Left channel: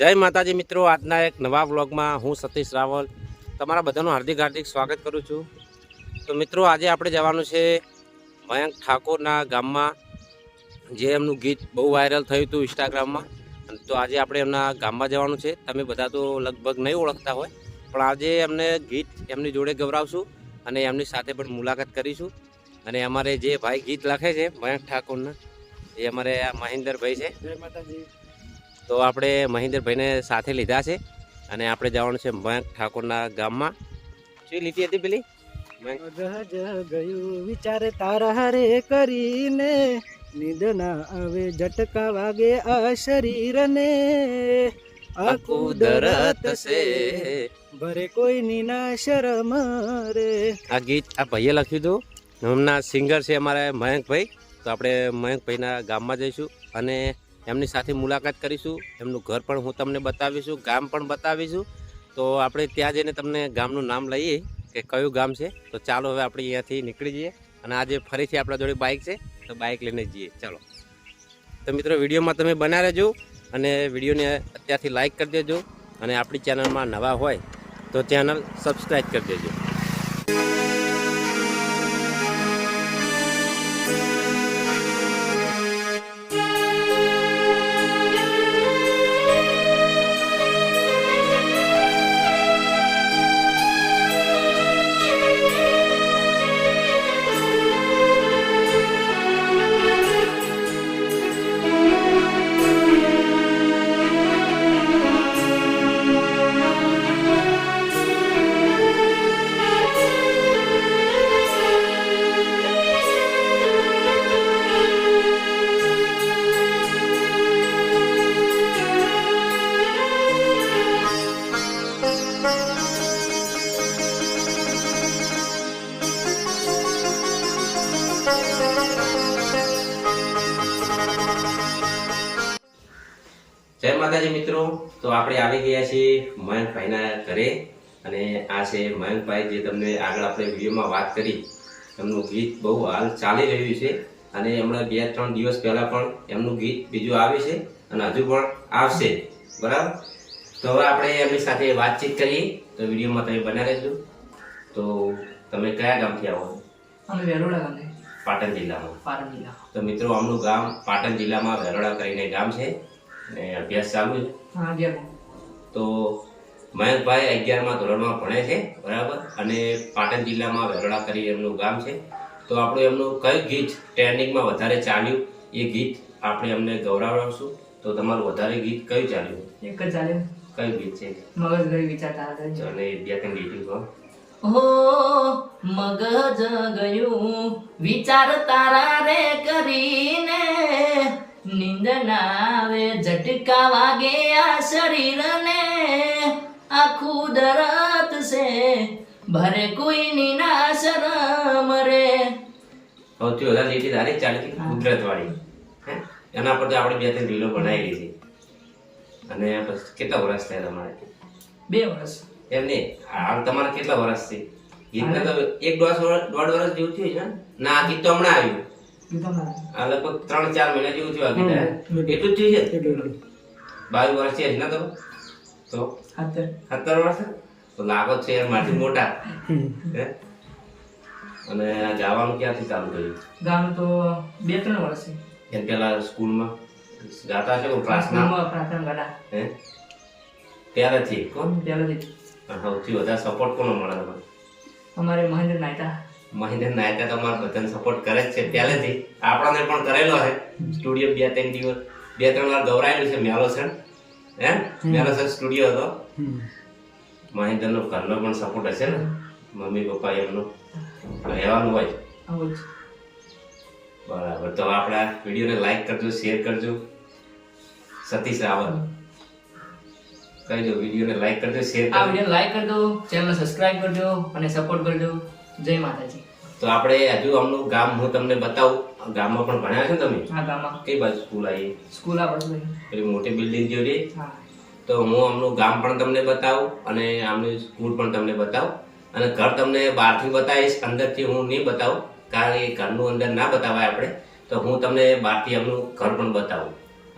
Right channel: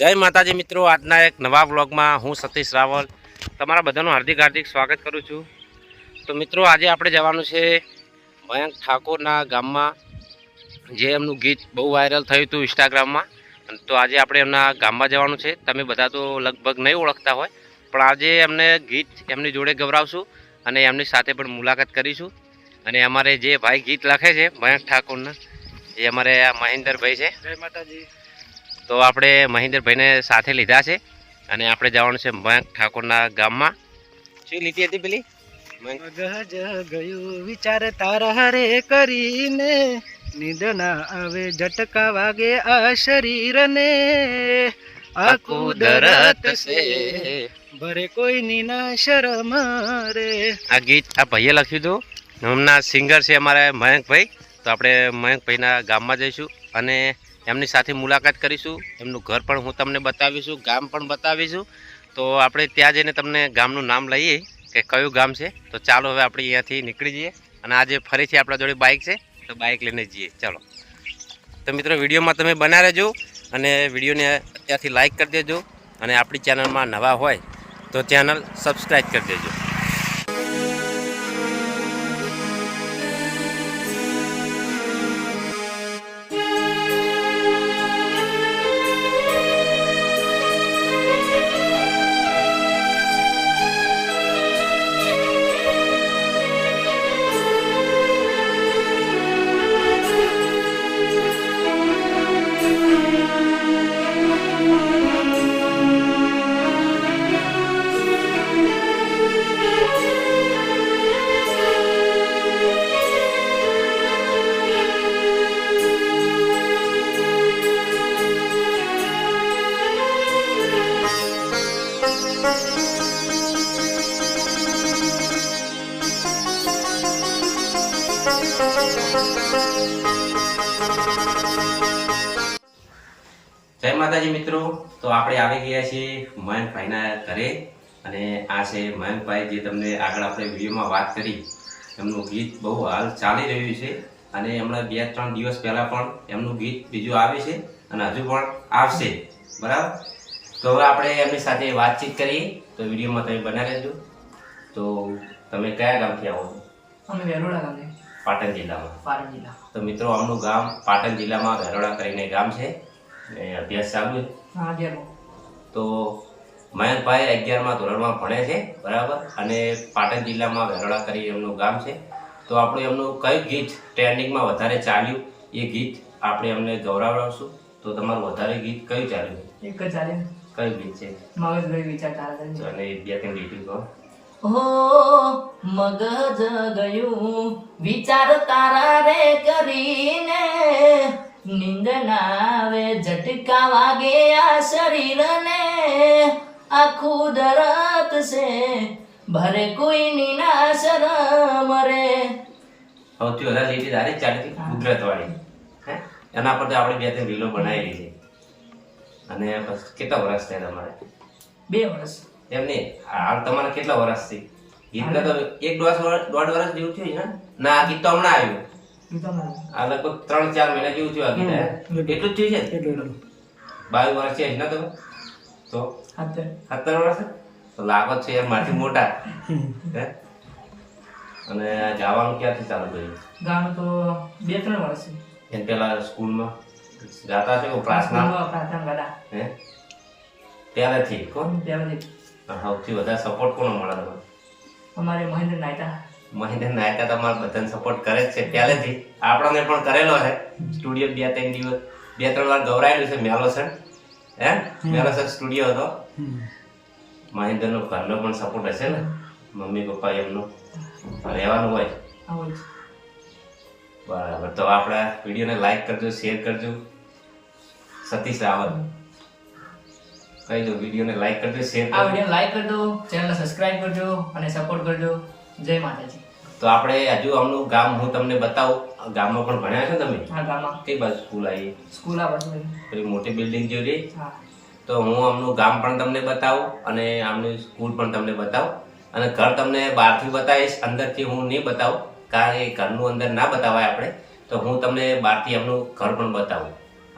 જય માતાજી મિત્રો, આજના એક નવા બ્લોગમાં હું સતીશ રાવલ. તમારા બધાનું હાર્દિક હાર્દિક સ્વાગત કરું છું. તો મિત્રો, આજે આપણે જવાનું છે મયંક ઠાકોરના ગામમાં, જે એમનું ગીત બહુ વાયરલ થયું હતું ઇન્સ્ટાગ્રામમાં. તો આજે આપણે એમના ગામમાં જવાનું છે. તમે બધા તો લગભગ નહીં ઓળખતા હોય, પણ આજે એમને ગીત એમની જોડે ગવરાવશું અને એમની સાથે પણ મુલાકાત કરીશું. અને અમારે જે ભાઈ ગીત લખે છે મયંક ઠાકોરના, એ અમારે આ મહેન્દ્રભાઈ છે. જય માતાજી. તો આપણે મહેન્દ્રભાઈને સાથે લીધા છે અને આપણે જવાનું છે મયંક ઠાકોરના ગામમાં. શું લીધી હતી પેલી? ગયું વિચાર તારા હરે કરીને. નિદના આવે ઝટકા વાગે આ શરીરને. આ કુદરત છે. ભરે કોઈની ના શરમ રે. આ ગીત આ ભાઈએ લખ્યું હતું. હમણાં સિંગર છે અમારા મયંકભાઈ. તો આપણે મયંકભાઈના ગામમાં જઈશું અને એમની સાથે મુલાકાત કરીશું. એમનું ઘર પણ હું તમને બતાવીશું, ગામ પણ બતાવીશું. તો આપણે ત્યાં જઈને તમને ગામનું નામ લઈએ કે કયું ગામ છે. તો ચાલો હવે આપણે અહીંયાથી નીકળી જઈએ અને આજે ફરીથી આપણા જોડે બાઇક છે, તો બાઇક લઈને જઈએ. ચાલો. તો મિત્રો, વિડીયોમાં તમે બના રહેજો અને વિડીયોને અત્યારથી લાઇક કરી દેજો અને આપણી ચેનલમાં નવા હોય તો ચેનલ સબસ્ક્રાઈબ કરી દેજો. જય માતાજી મિત્રો, તો આપણે આવી ગયા છીએ મયંકભાઈના ઘરે અને આ છે મયંકભાઈ જે તમને આગળ આપણે વિડીયોમાં વાત કરી. એમનું ગીત બહુ હાલ ચાલી રહ્યું છે અને હમણાં બે ત્રણ દિવસ પહેલા પણ એમનું ગીત બીજું આવ્યું છે અને હજુ પણ આવશે. બરાબર? તો હવે આપણે એમની સાથે વાતચીત કરીએ. તો વિડીયોમાં તમે બના રહેજો. તો તમે કયા ગામથી આવો છો? અમે વેરોડા ગામે. પાટણ જિલ્લામાં. પાટણ જિલ્લા તો મિત્રો આમનું ગામ પાટણ જિલ્લામાં વેરોડા કરીને ગામ છે. અને અભ્યાસ ચાલુ છે. તો મયંકભાઈ અગિયારમાં ધોરણમાં ભણે છે બરાબર? અને પાટણ જિલ્લામાં વેરોડા કરી એમનું ગામ છે. તો આપણું એમનું કયું ગીત ટ્રેન્ડિંગમાં વધારે ચાલ્યું? એ ગીત આપણે એમને ગૌરવડાવશું તો તમારું વધારે ગીત કયું ચાલ્યું? એક જ ચાલે. કયું ગીત છે. મગજ વિચાર તારા ચાલે બે ત્રણ ગીત કહો ઓ મગજ ગયું વિચાર તારા રે કરીને. નીંદ આવે ઝટકા વાગે આ શરીરને. આખું દરત છે ભરે કોઈની ના શરમ રે. સૌથી વધારે લીધી તારી ચાલતી કુદરત વાળી એના પરથી આપણે બે ત્રણ રીલો બનાવી છે. અને પછી કેટલા વર્ષ થયા તમારે? બે વર્ષ એમ નહીં હાલ તમારે કેટલા વર્ષથી ગીતને તો એક દોઢ વર્ષ દોઢ વર્ષ જેવું થયું છે ને? ના આ ગીત તો હમણાં આવ્યું. આ લગભગ ત્રણ ચાર મહિના જેવું થયું આ ગીત એટલું જ. થયું છે? બાવીસ વર્ષ છે ના ને તો? સત્તર. વર્ષ તો લાગો છે યાર મારથી મોટા. હે? અને આ જવાનું ક્યાંથી ચાલુ કર્યું? ગામ તો બે ત્રણ વર્ષ એમ પેલા સ્કૂલમાં? ગાતા છે પ્રાર્થનામાં પ્રાર્થના. ગાતા હે? પહેલેથી કોણ? પહેલેથી. અને સૌથી વધારે સપોર્ટ કોનો મળે તમારે? અમારે મહેન્દ્ર નાયતા મહેન્દ્ર નાયતા તમારે બધાને સપોર્ટ કરે જ છે. પહેલેથી આપણને પણ કરેલો છે. સ્ટુડિયો બે ત્રણ દિવસ બે ત્રણ વાર ગૌરાયેલું છે મેલોસન હે? મેલોસન સ્ટુડિયો હતો. મહેન્દ્રનો ઘરનો પણ સપોર્ટ હશે ને? મમ્મી પપ્પા એમનો. રહેવાનું હોય. બરાબર. તો આપણા વિડીયોને લાઈક કરજો શેર કરજો. સતીશ રાવલ. કહી દો વિડીયોને લાઈક કરજો શેર આ વીડિયો લાઈક કરજો ચેનલને સબસ્ક્રાઇબ કરજો અને સપોર્ટ કરજો જય માતાજી. તો આપણે હજુ અમનું ગામ હું તમને બતાવું. ગામમાં પણ ભણ્યા છો તમે? હા ગામમાં. કઈ બાજુ સ્કૂલ આવી? સ્કૂલ આ બાજુ પેલી મોટી બિલ્ડિંગ જેવી હા. તો હું આમનું ગામ પણ તમને બતાવું અને આમની સ્કૂલ પણ તમને બતાવું. અને ઘર તમને બહારથી બતાવીશ અંદરથી હું નહીં બતાવું. કારણ કે ઘરનું અંદર ના બતાવાય આપણે. તો હું તમને બહારથી અમનું ઘર પણ બતાવું.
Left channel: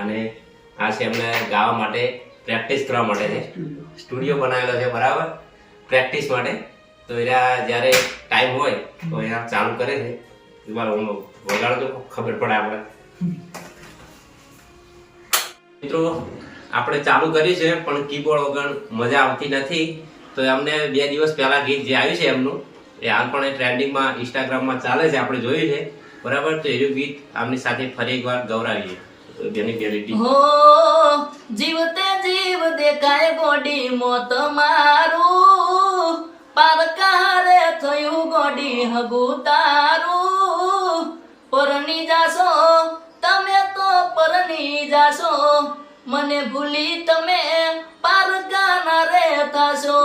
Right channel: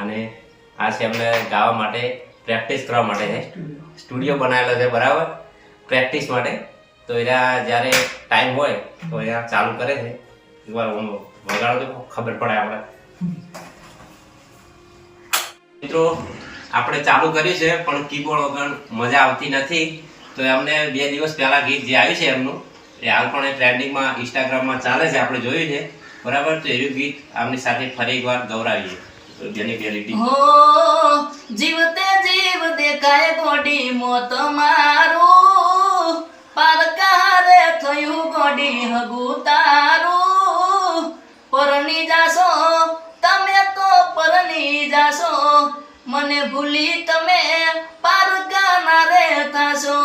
અને આ એમને ગાવા માટે પ્રેક્ટિસ કરવા માટે છે. સ્ટુડિયો બનાવેલો છે, બરાબર? પ્રેક્ટિસ માટે. તો એના જ્યારે ટાઈમ હોય, તો અહીંયા ચાલુ કરે છે. એકવાર વગાડો તો ખબર પડે આપણે. મિત્રો, આપણે ચાલુ કર્યું છે, પણ કીબોર્ડ વગર મજા આવતી નથી. તો એમને બે દિવસ પહેલાં ગીત જે આવ્યું છે એમનું, એ હાલ પણ ટ્રેન્ડિંગમાં ઇન્સ્ટાગ્રામમાં ચાલે છે, આપણે જોયું છે. બરાબર? તો એવું ગીત આમની સાથે ફરી એકવાર ગૌરાવીએ. જેની ગેરંટી હો જીવતે જીવ દેખાય ગોડી મોત મારું. પારકારે થયું ગોડી હગુ તારું. પરણી જાશો તમે તો પરણી જાશો. મને ભૂલી તમે પારકાના રે થાશો.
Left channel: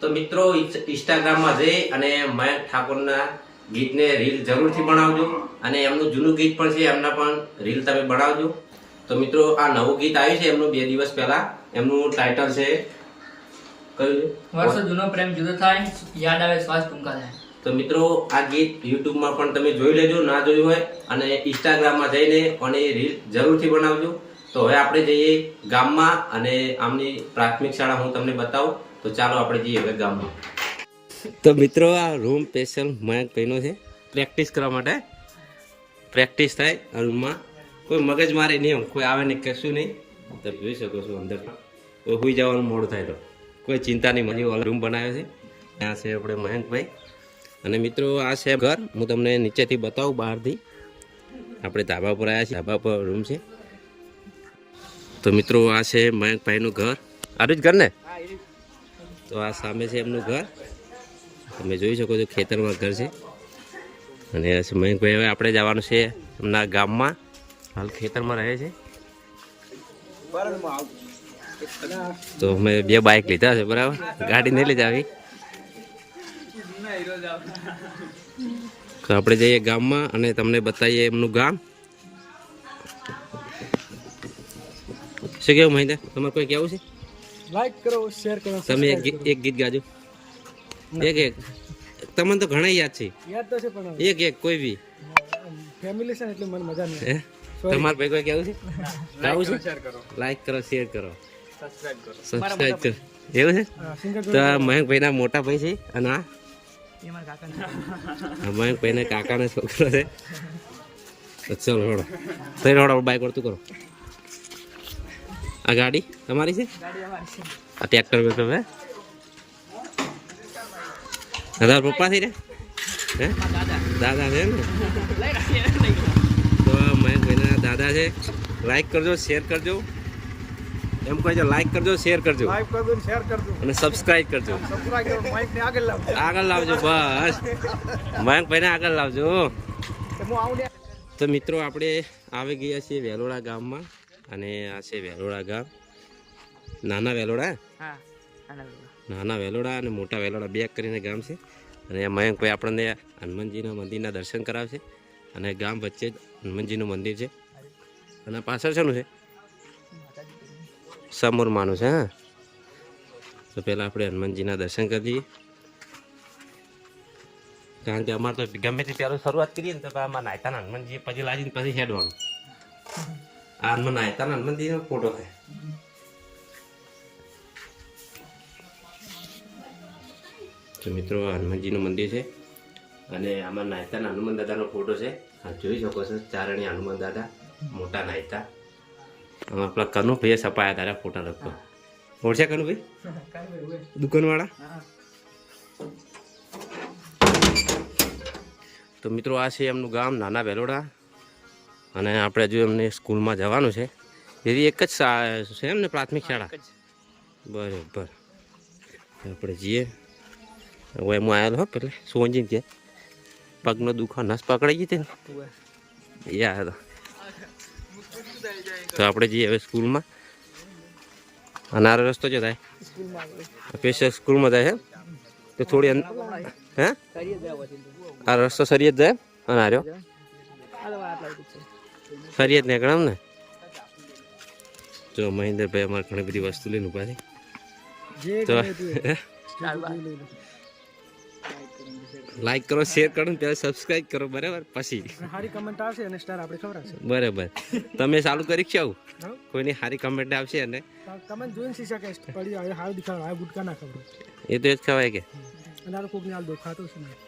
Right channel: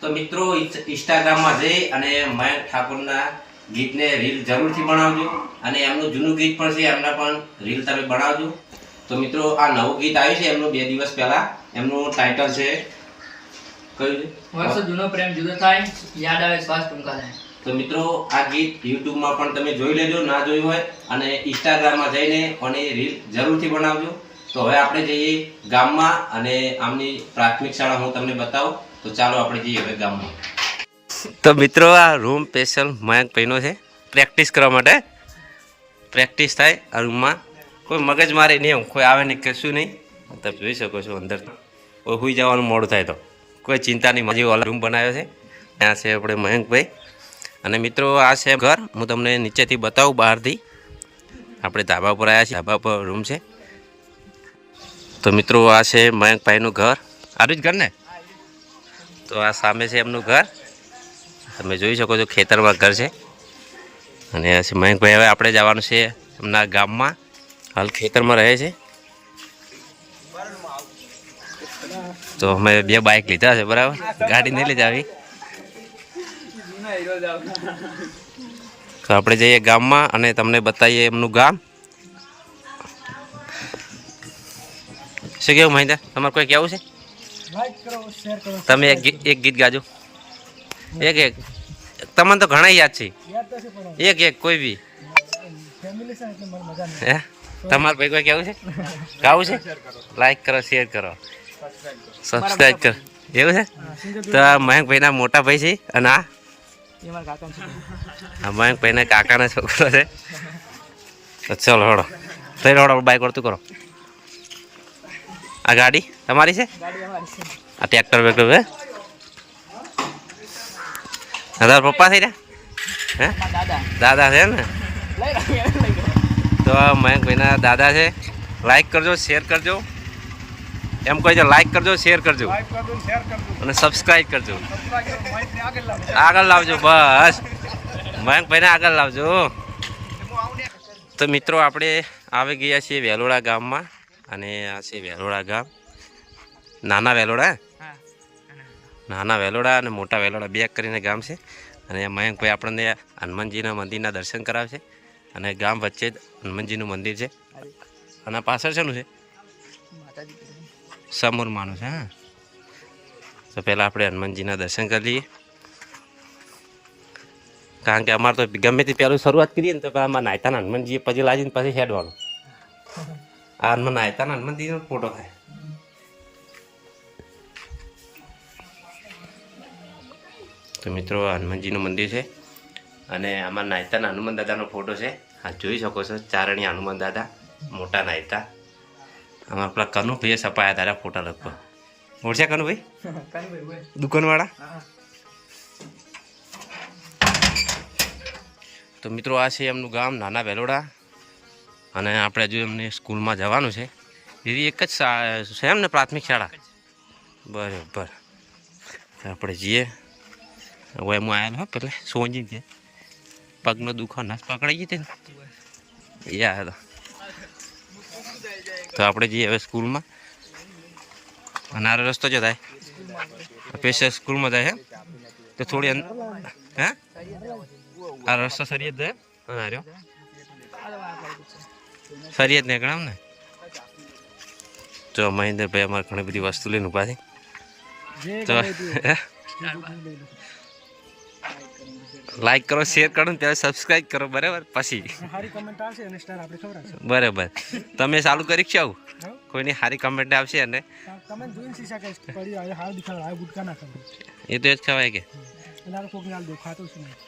તો મિત્રો ઇન્સ્ટાગ્રામમાં જઈ અને મયંક ઠાકોરના ગીતને રીલ જરૂરથી બનાવજો અને એમનું જૂનું ગીત પણ છે એમના પણ રીલ તમે બનાવજો. તો મિત્રો આ નવું ગીત આવ્યું છે એમનું બે દિવસ પહેલા. એમનું ટાઇટલ છે કયું વર્ષો જૂનો પ્રેમ જુદો થાય યાદ આવે શ્વાસ ટૂંકા થાય. તો મિત્રો આ ગીત યુટ્યુબમાં પણ તમે જોઈ લેજો ના જોયું હોય અને ઇન્સ્ટાગ્રામમાં જઈને અને રીલ જરૂરથી બનાવજો. તો હવે આપણે જઈએ ગામમાં અને આમની પ્રાથમિક શાળા હું તમને બતાવું. તો ચાલો આપણે જઈએ હવે ગામમાં. તો મિત્રો આ રૂમ સ્પેશિયલ મયંક પહેનો છે. પ્રેક્ટિસ કરવા માટે. પ્રેક્ટિસ થાય આ રૂમમાં કોઈ મગજ મારે નહીં એમ કોઈ આવે નહીં કશું નહીં. તમે જોઈ શકો છો અંદર. કોઈ સુઈ જવાનું મોડું થાય તો. કોઈ ચિંતા નહીં માજી વાળા રૂમ બનાવ્યો છે. ત્યાં છે આપણે મયંકભાઈ અને મિત્રો આ છે ઘર. હું તમને નીચેથી બતાવું બહારથી. આપણે ધાબા પર આવ્યા છીએ. ધાબા પર રૂમ છે. તો મિત્રો આ છે મયંકભાઈનું ઘર. આરું જ ઘર ને? તો આ સામે છે એમનું ઘર. તમે જોઈ શકો છો ખેતરમાં ઘર છે. અને મયંકભાઈ હવે આપણે જવાનું છે એમના ગામમાં. હાલ ખેતરમાં રહે છે. તો અમે બે બાઇક લીધા છે બરાબર? ગાડી નહીં લઈ જાવી. તો આપણે જઈએ ગામમાં અને તમને બતાવીએ એમનું ગામ. શું કેવું મહિન્દર તમારે કોઈ કહેવું છે? લાઈક કરો શેર કરો. તમે એક ગીત ગાજો. એક એક. તમને તો ઘણા યાદ છે. એક એક કોઈ બી. ફેમિલી છે એટલે મને મજા નહીં હે? તમારે ભાઈ કોઈ કેવું છે? ગાવું છે? લાઈક કરો શેર કરો. સબસ્ક્રાઈબ કરો. એવું છે? તો આ મયંકભાઈના મોટા ભાઈ છે અને આ? આ મયંકભાઈના કાકાના છોકરો છે. તો ચલો હળો. થઈ હળો બાઈક વળતું કરો. આ ગાડી તમારી છે? આ ટ્રેક્ટર બેક્ટર હે તારા પપ્પા થઈ રહ્યા હે? દાદા છે ને? તો મયંકભાઈના દાદા છે. લાઈક કરજો શેર કરજો. એમ કહે છે લાઈક કરજો શેર કરજો. અને સબસ્ક્રાઈબ કરજો. આગળ લાવજો. બસ. મયંકભાઈને આગળ લાવજો. તો મિત્રો આપણે આવી ગયા છીએ વેલોડા ગામમાં. અને આ છે વેલોડા ગામ. નાના વેલોડા નાના વેલોડા અને મોટા વેલોડા બે કરીને ગામ છે. અને મયંકભાઈ આપણને હનુમાનજીના મંદિરના દર્શન કરાવશે. અને ગામ વચ્ચે જ હનુમાનજીનું મંદિર છે. અને પાછળ શેનું છે? સમુરમાનું છે, હા. તો પહેલાં આપણે હનુમાનજીના દર્શન કરી લઈએ. કારણ કે અમારે તો ગમે તે પહેલું શરૂઆત કરીએ ને તો આમાં નાયતાના હનુમાનજીએ પછી લાજીને પછી હેડવાનું. આ હનુમાન નાયતાના હનુમાનજીનો ફોટો થાય. તો મિત્રો, હનુમાનજીનું મંદિર છે અને આમાં નાયતાના હનુમાન દાદાનો ફોટો છે. આ જોઈ શકો છો, ચારણી હનુમાન દાદા, મોટા નાયતા. અમારા પેલા કનુભાઈએ સપાયા તારા ફોટા લગભગ. ઓળશે કનુભાઈ? દુકાનવાળા? તો મિત્રો, આ છે એમનું ગામ, નાના વેલોડા. અને આપણે હજુ એમને સ્કૂલમાં જવાનું છે. એવી એક જ છે એમ ને પ્રાથમિક શાળા? બરાબર. આપણે જઈએ. હવે હું આવેલો હો પેલા સોંજી ગયા પગનો દુખો નસ પકડાઈ ગઈ હતી એ આવ્યા તો આપણે જઈએ હવે સ્કૂલમાં. અને આરો રસ્તો જો થાય. સ્પેશિયલ સ્કૂલમાં જાય તો થોડી હે? આ રસ્તો સરિયત જાય અને આર્યો સરિયત નીકળે ને? તો મહેન્દ્રભાઈ અમારે ઘણી બધી વસ્તુ લઈને ઊભા છે. તો લાઈક કરો શેર કરો ને ત્યારે સબસ્ક્રાઈબ કરો બરાબર? પછી. સારી કમેન્ટ આવશે અને સ્ટાર આપણે ખવડાવશે. બરાબર. તમે ચાલુ કરી છો કોઈની સારી કમેન્ટ આવશે અને? તમે જોઈને શી શકે પડી આ હાલ દેખાડ આ ગુટકા ના ખબર એ તો જ ખવાય કે. અને કોકને હાલ દેખાતો છે હાર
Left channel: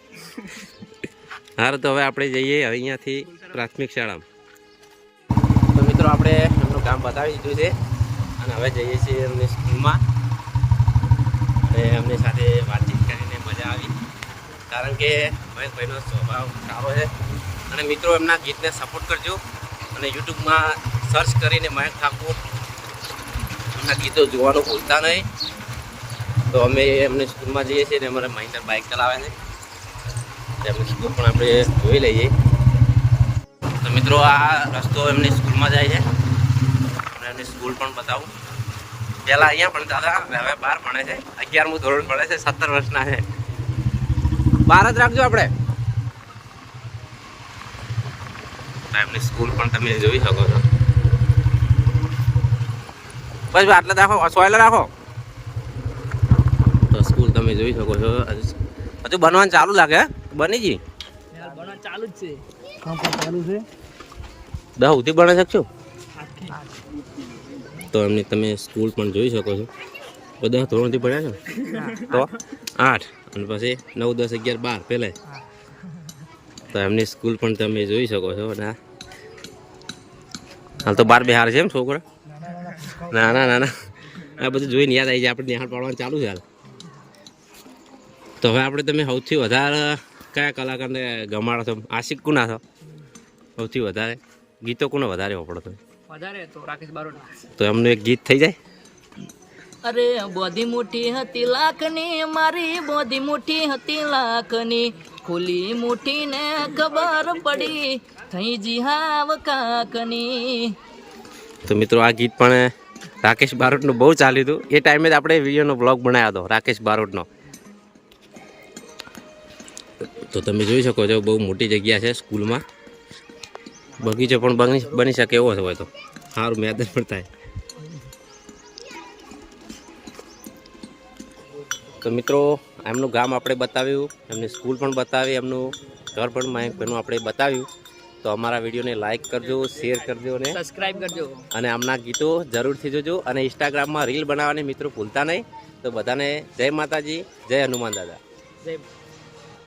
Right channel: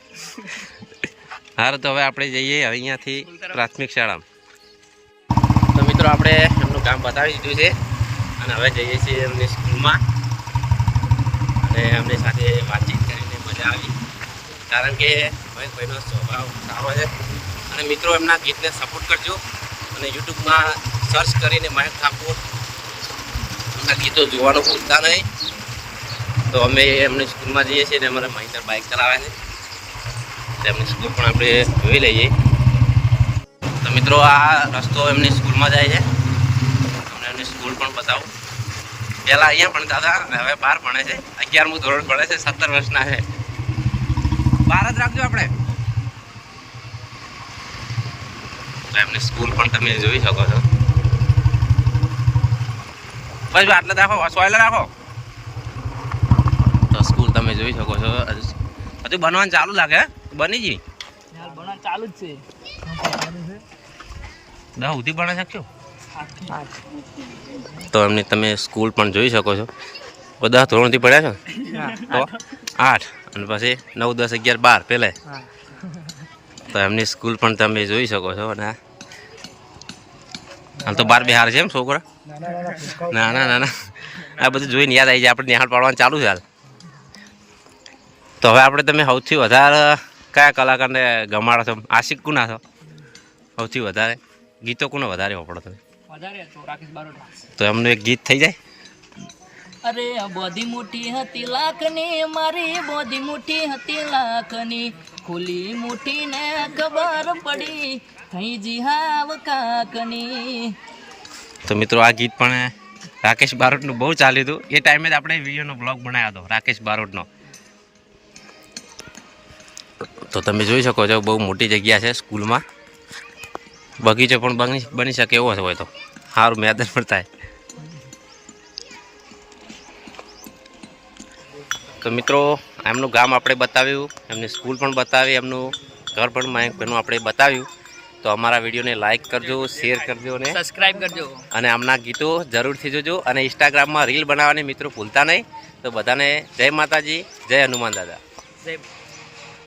હારું તો હવે આપણે જઈએ હવે અહીંયાથી પ્રાથમિક શાળામાં. તો મિત્રો આપણે એમનું કામ બતાવી દીધું છે. અને હવે જઈએ છીએ એમની સ્કૂલમાં. અને એમની સાથે વાતચીત કરીને મજા આવી. કારણ કે મહેશભાઈનો સ્વભાવ સારો છે. અને મિત્રો, એમના ગીતને સપોર્ટ કરજો અને યુટ્યુબમાં સર્ચ કરીને મહેશ ઠાકોર એમના ગીતો જોવાનું ભૂલતા નહીં. તો અમે એમની સ્કૂલમાં જઈએ છીએ ને અમારા મહિન્દર બાઇક ચલાવે છે. તેમની સ્કૂલ પણ આપણે જોઈ લઈએ. તો મિત્રો, આ રસ્તો એમની સ્કૂલમાં જાય છે. તમને એમની સ્કૂલ પણ બતાવું. પહેલાં અહીંયા ભણતા હતા, હવે બહાર ભણે છે. અગિયારમું ધોરણ ભણે છે, સત્તર વર્ષના છે. બહાર જ રાખજો આપણે. એમની સ્કૂલ પણ તમે જોઈ શકો છો. બસ જો આટલે રાખો સોયલે રાખો. તો સ્કૂલ તમે જોઈ શકો છો. હજુ બનવાનું ચાલુ લાગે બની ગઈ ચાલુ જ છે. દસ સુધી બની શકશો? તો એમની તમે સ્કૂલ પણ જોઈ શકો છો. બધા ધોરણથી ભણ્યા છો? ને? તો આઠ. અને પછી નવ દસ અગિયાર બાર પહેલે તો એમની સ્કૂલ પણ તમે જોઈ શકો છો. અને હાલ તો બાર બિહાર છે એમ છોકરા? ના ના ના ના. આ બધું જોઈને યાદ આવી જાય. આપણે નિહાળ પાડવાનું ચાલુ છે હાલ. તો હવે આપણે તમે સૌથી વધારે કયા કલાકારને ગમાડો છો? આશિક કુના છો? સૌથી વધારે. ગીતો કોને વધારે વાપરો તમે? વધારે તો તો એમનું એક ગીત થઈ જાય? અરે બોધી મુઠ્ઠી હતી લાખની, મારી બોધી મુઠ્ઠી હતી લાખની. ખુલી મુઠ્ઠીને ખબર પડી, થઈ જી હાવ કાકની. તો મિત્રો આ ગીત પણ રાકેશ બારોટનું બહુ ચાલ્યું હતું. એ ટાઈમે જ આપણે વિડીયોનો બ્લોગ બનાવ્યો હતો, રાકેશ બારોટનો. તો તમે જોઈ શકો છો, બહુ મોટી જગ્યા છે સ્કૂલમાં. બગીચો પણ બની શકે એવો હોય તો. સારું મેદાન પણ થાય. તો મિત્રો એમનું ગામ આપણે બતાવ્યું એમની સ્કૂલ પણ બતાવી એમનું ઘર પણ મયંકભાઈનું આપણે બતાવ્યું. તો અમારા વિડીયોને લાઇક કરજો શેર કરજો અને સબસ્ક્રાઇબ કરજો. અને આમના ગીતો જરૂરથી જોજો અને ઇન્સ્ટાગ્રામમાં રીલ બનાવવાની મિત્રો ભૂલતા નહીં. તો બધાને જય માતાજી જય હનુમાન દાદા. જય